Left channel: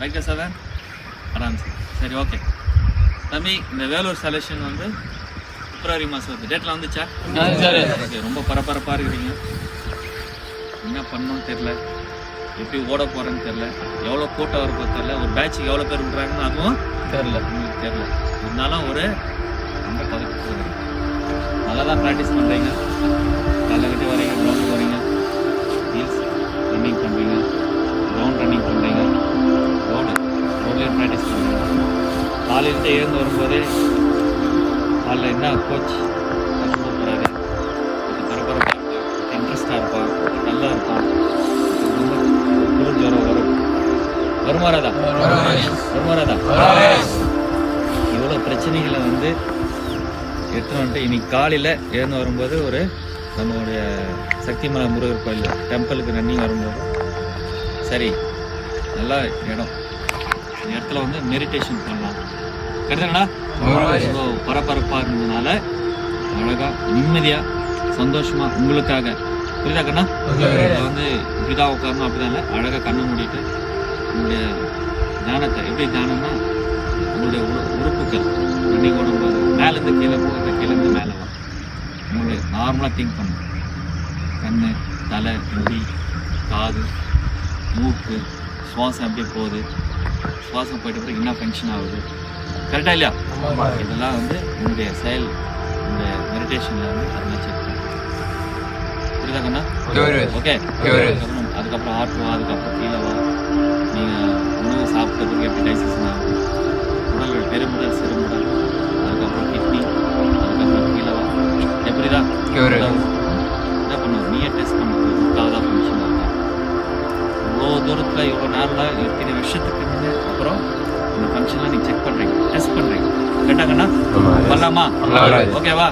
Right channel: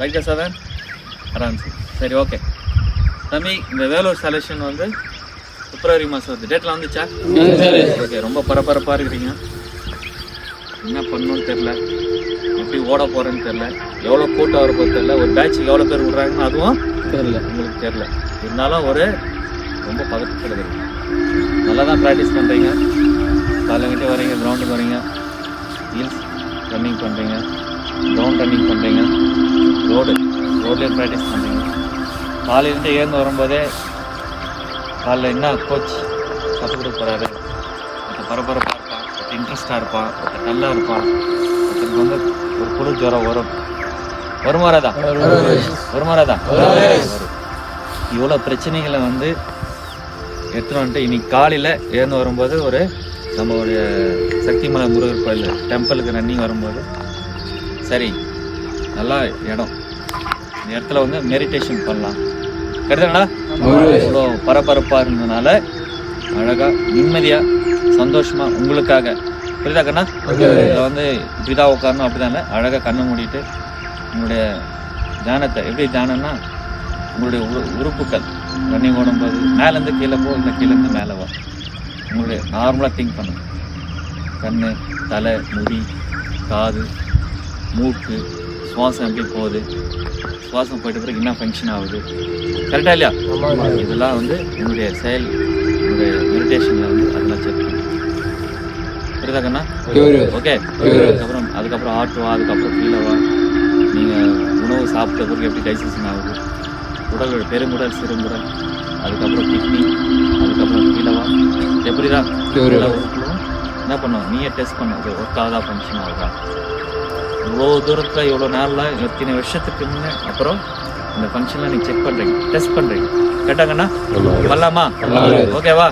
ரைட்டா 7 அரௌண்ட். சரி ஓகே தம்பி, இந்த வேலூர் செலெக்ஷன் வந்து பிப்ரவரி மாதம் வருது. டேட்லாம் வந்துச்சா? ஓகே, ரொம்ப பரபரப்பாக இருக்கிறீங்க. என்ன பண்ணணும்னு தெரில, எப்படி ஓட போகிறேன்னு தெரில, எவ்வளோ கூட்டம் வரப்போ தெரில, ஒரு பேட்சுக்கு எவ்வளோ பேர் விட்றாங்கன்னு அதுவும் தெரியல, உங்களுக்கு தெரில. இருந்தாலும் ஒரு ரொம்ப பதட்டத்தில் இருக்கு. நல்லா தான் ப்ராக்டிஸ் பண்ணுறீங்க. காலைங்கிட்ட வரீங்க, கிரவுண்டுக்கு வரீங்க, ஹீல்ஸ் ரன்னிங் பண்ணுறீங்க, கிரவுண்ட் ரன்னிங் பண்ணுறீங்க, ரோட்லேயும் ப்ராக்டிஸ் பண்ணுறீங்க. காலையிலேருந்து ஏர்ந்து வரும்போதே காலைல என்ன கோச் கற்றுக் கொடுக்குறாரு, பரபரப்பாக இன்ட்ரெஸ்டாக இருப்பான், நல்லா இருப்பான். இதுக்கு வந்து குரு ஜுரம் வருமாறாதா? இவ்வளோ பிரச்சனைகளை வந்து எடுத்துகிட்டு வந்துட்டு இன்னைக்கு காலையில் எழுந்து வரும்போது ஒரு நம்மளுடைய சக்திமலை முருகர் கோயில் டெம்பிளுக்கு ரன்னிங் வரும்போது சரி நல்லா இடம், இந்த இடத்துல வந்து மெடிடேஷன் பண்ணலாம். கரெக்டாங்களா? இவ்வளோ பரபரப்பாக இருந்ததுனால அழகாக நிம்மதியாக சந்தோஷமாக உங்களுக்காக, புரியுதாக்கண்ணா? இதை வந்து இப்படிதான் உட்காரணும் அப்படிதானே, அழகாக கண்ணை மூடிட்டு உங்களுடைய தியானத்தை, எப்படி தியானம்னா உங்களுடைய உறுப்புகள் ரன்னிங் ஓடும்போது மேலேருந்து கீழே போகும், இந்த கீழேருந்து மேலே வரும். உங்களுடைய நார்மலாக திங்க் பண்ணுங்க. கண், தலை, முடி, காது, மூக்கு, சுவாசம் எப்படி போகுது, சுவாசம் போயிட்ட பிறகு என்ன ஃபங்க்ஷன் ஆகுது, கரெக்டாக இல்லையா? இதெல்லாம் வந்து உங்களுடைய செயல், உங்களுடைய மெடிடேஷனில் வந்து அதெல்லாம் செக் பண்ணுங்க. புரியுதாக்கண்ணா? ஓகே. அதுக்கப்புறம் ஆட்டுவா, அதுக்கப்புறம் கீழே வா, நீங்கள் உணவு சாப்பிட்ட பிறகு எப்படி டைஜஷன் ஆகுது, உடல் பெருங்குடல், சிறுமுடல், அதுக்கப்புறம் கிட்னி, அதுக்கப்புறம் கீழவா, எப்படிதான் என்ன பண்ணுவோம், நீயே டெஸ்ட் பண்ணுறது ஒர்க்காவதா ஃபங்க்ஷன் ஆகுதா. இவ்வளோ தூரத்தில் இவ்வளோ நேரம்லாம் எத்தனை வருஷத்துக்கு முன்னே அப்புறம் இந்த ஃபங்க்ஷன்லாம் நீங்கள் செக் பண்ணுறீங்க, டெஸ்ட் பண்ணுறீங்க. கேட்டாங்கண்ணா பண்ணலாமா? ஓகேவா?